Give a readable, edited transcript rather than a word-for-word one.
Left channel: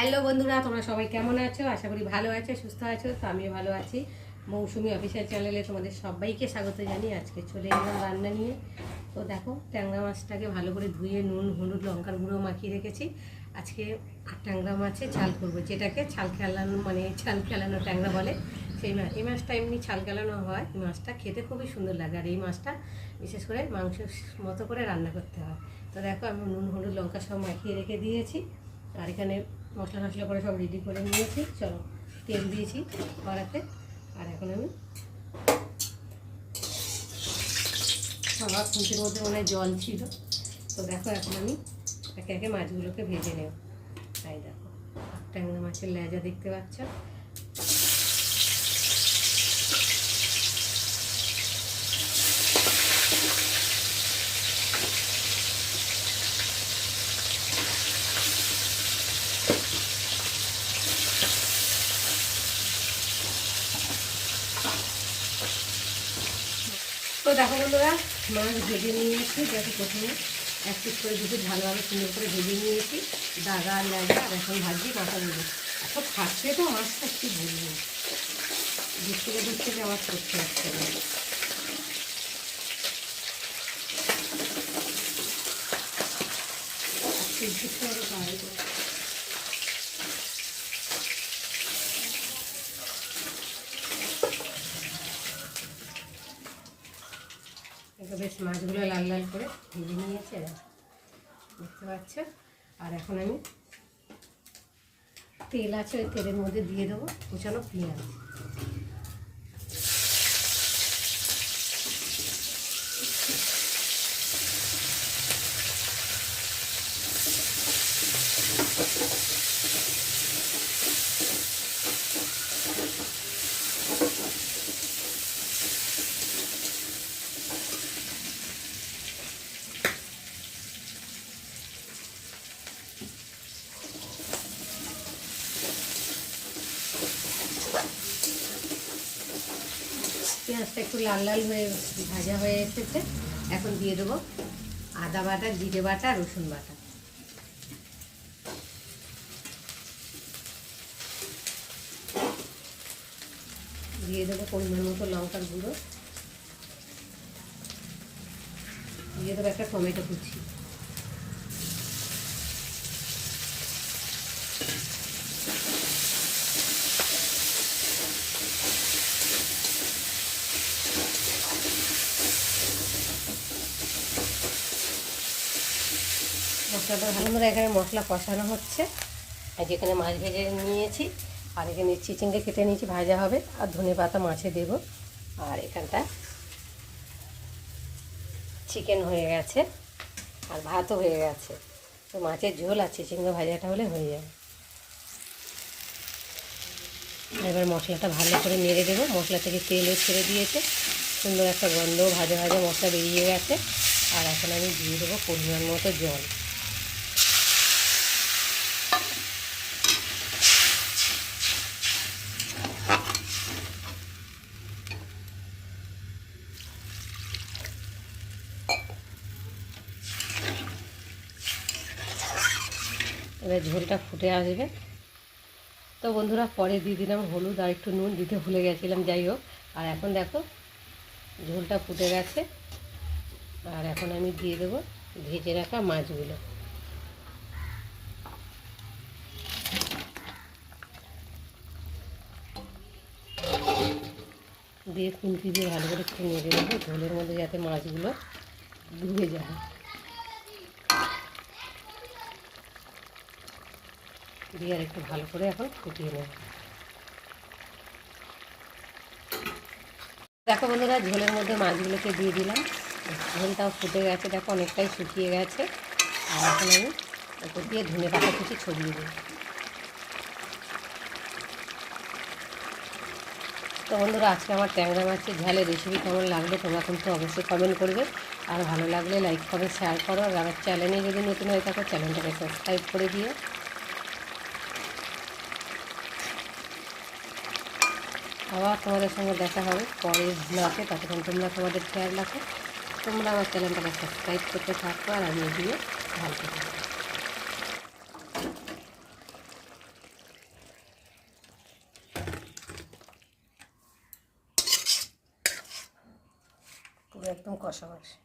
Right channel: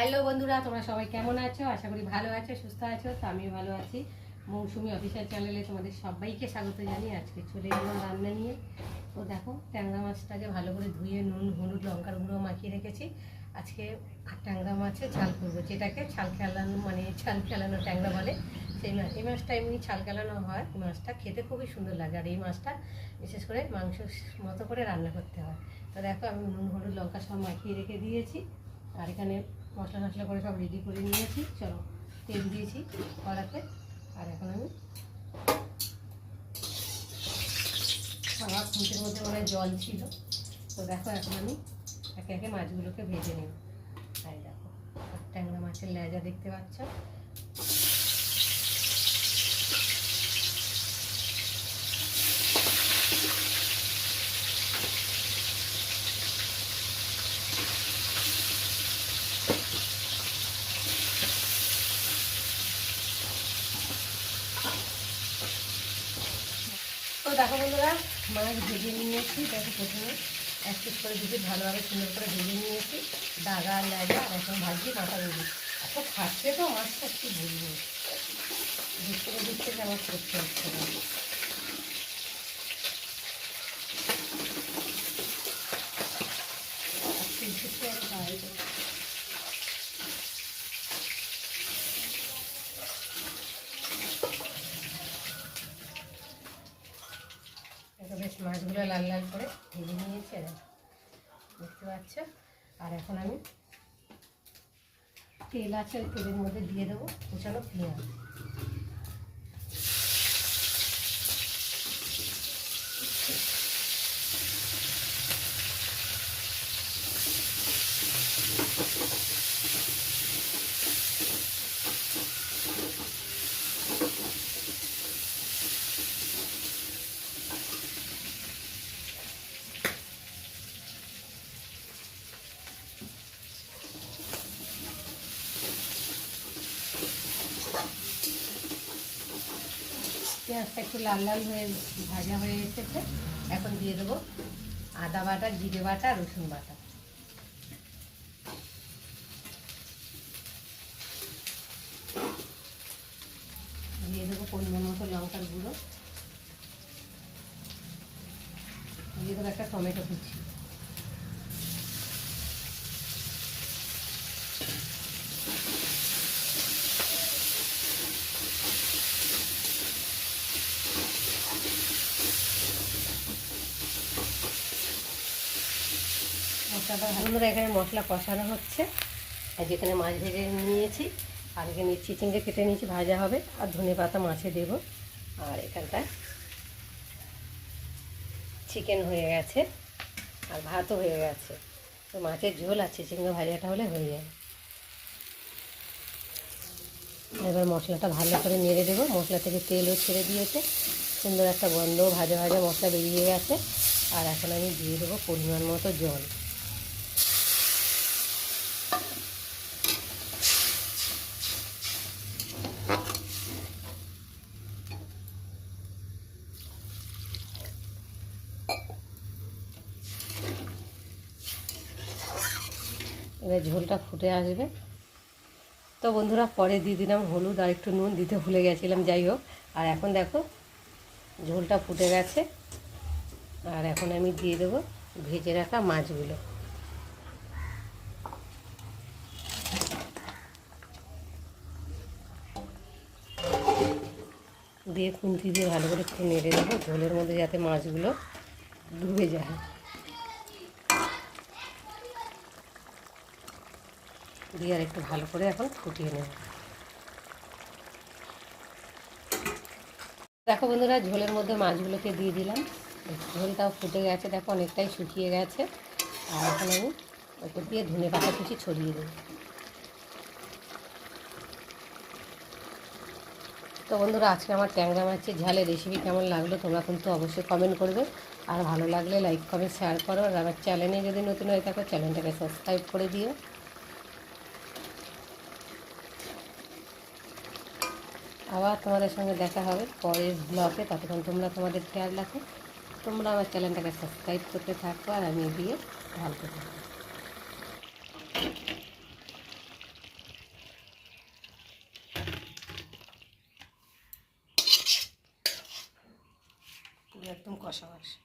Hello বন্ধুরা, তোমরা সবাই কেমন আছো? আশা করি ভালো আছো, সুস্থ আছো। তো আমিও ভালো আছি। মৌসুমি অফিসিয়াল চ্যানেলে তোমাদের সবাইকে স্বাগত জানিয়ে আজকে চলে এলাম রান্না নিয়ে। তো দেখো, ট্যাংরা মাছটাকে ভালো করে ধুয়ে নুন হলুদ লঙ্কার গুঁড়ো মাখিয়ে রেখেছি। আজকে ট্যাংরা মাছে ঝাল করবো, যেটাকে ছাল খেলানো ছাল খেলানো ট্যাংরা বলে সেই মাছ। এই মাছটা এমনি ছাল খেলানো হয়। এই মাছটা খেতে খুবই সুন্দর লাগে, আর এই মাছটা বিশেষ করে মাংস মতো করে রান্না করতে হয়। তো দেখো, আমি নুন হলুদ লঙ্কা সব মাখিয়ে রেখে দিয়েছি। আর এখানে মশলা টশলা করে সব রেডি করে নিয়েছি। চলো, তেল দিয়েছি কড়াতে। আর এখন আমি সবার খুঁটির মধ্যে মনে হয় জল ছিল। তো দেখো, এখন আমি একে একে মাছগুলোকে ভেজে নেব। তাই দেখো, ট্যাংরা মাছের লেজা দেখতে পাচ্ছ। তো দেখো বন্ধুরা, মাছ ভেজে নিয়েছি। দেখো, প্রথমে এক পিস করে দুটো ভালোভাবে সুন্দর করে ভেজে নিয়েছি, দাগা লাগা। আর এখন ভাজছি মাথাগুলো। এখন খাচ্ছে তো মাছটা, কি বলবো, বুঝতে যে আমার করতে হচ্ছে। বেশ মাছগুলো লাল লাল করে ভেজে নিয়েছে, দেখতে পাচ্ছ। আর এখন আমি তেল আছে, ওই তেলের মধ্যে দিয়ে দেবো কুচানো পেঁয়াজ। পেঁয়াজটা একটু লাল লাল হয়ে ভাজা হয়ে এসেছে। এখন দিয়ে দেবো আদা বাটা, জিরে বাটা, রসুন বাটা। দিয়ে দেবো পরিমাণ মতো লঙ্কার গুঁড়ো। দিয়ে দেবো একটা টমেটো কুচি। মশলাটা বন্ধুরা, এখানে মশলা কষানো হচ্ছে। আর যেখানে মাছ ভেজে নিয়েছি, আর এখানে চিচিঙ্গে কেটে নিয়েছি, ভাজা হবে। আর ধনে পাতা মাছে দেবো। আর এখানটা চিকেন হয়ে গেছে, আর ভাতও হয়ে গেছে। তো মাছের ঝোল আর চিচিঙ্গে ভাজাটা হলে হয়ে যাবে। এবার মশলাটা ভালো করে নেড়ে দেবো। মশলা থেকে তেলও ছেড়ে দিয়েছে, সুন্দর একটা গন্ধ, ভাজা ভাজা মশলা বেরিয়ে গেছে। আর এখন আমি দিয়ে দেবো পরিমাণ মতো জল। এবার ঝোলটা ফুটে আসবে। তো বন্ধুরা, পরে দিয়ে দিলাম হলুদ আর একটু নুন, দিতে ভুলে গেছিলাম, যাই হোক। আর এখন দেখো, ঝোলটা ফুটে গেছে। আর এখন আমি দিয়ে দেবো ভেজে রাখা মাছগুলো। দিয়ে খুন্তি দিয়ে ভালো করে একটু নেড়ে দেবো, ঝোলের মধ্যে যাতে মাছগুলো ডুবে যায়। দিয়ে আর একটু ভালো করে এখন ফুটিয়ে নেব। দেখো বন্ধুরা, ঝোলের মধ্যে মাছগুলোকে দিয়ে দিলাম। ঝোলটাও ফুটে গেছে, দেখো অনেকটাই শুকিয়ে গেছে। আর এখন আমি ওপর দিয়ে ধনে পাতা কুচি ছড়িয়ে দেব। তো বন্ধুরা, আজকে আমার ট্যাংরা মাছের ঝালের রেসিপি কেমন লাগলো তোমরা কিন্তু অবশ্যই কমেন্ট করবে। আর ভালো লাগলে লাইক কমেন্ট শেয়ার করো। আর আমার চ্যানেলে যদি নতুন হয়ে থাকো, চ্যানেলটাকে সাবস্ক্রাইব করে দিও। আবার তোমাদের সঙ্গে দেখা হবে পরের ব্লগে। ততক্ষণ তোমরা তোমাদের খেয়াল রাখো। তোমরা আমার চ্যানেলটাকে সাবস্ক্রাইব করতে থাকো, আর আমি এগিয়ে ভালো থাকবো। পুরো একদম কষা কষা।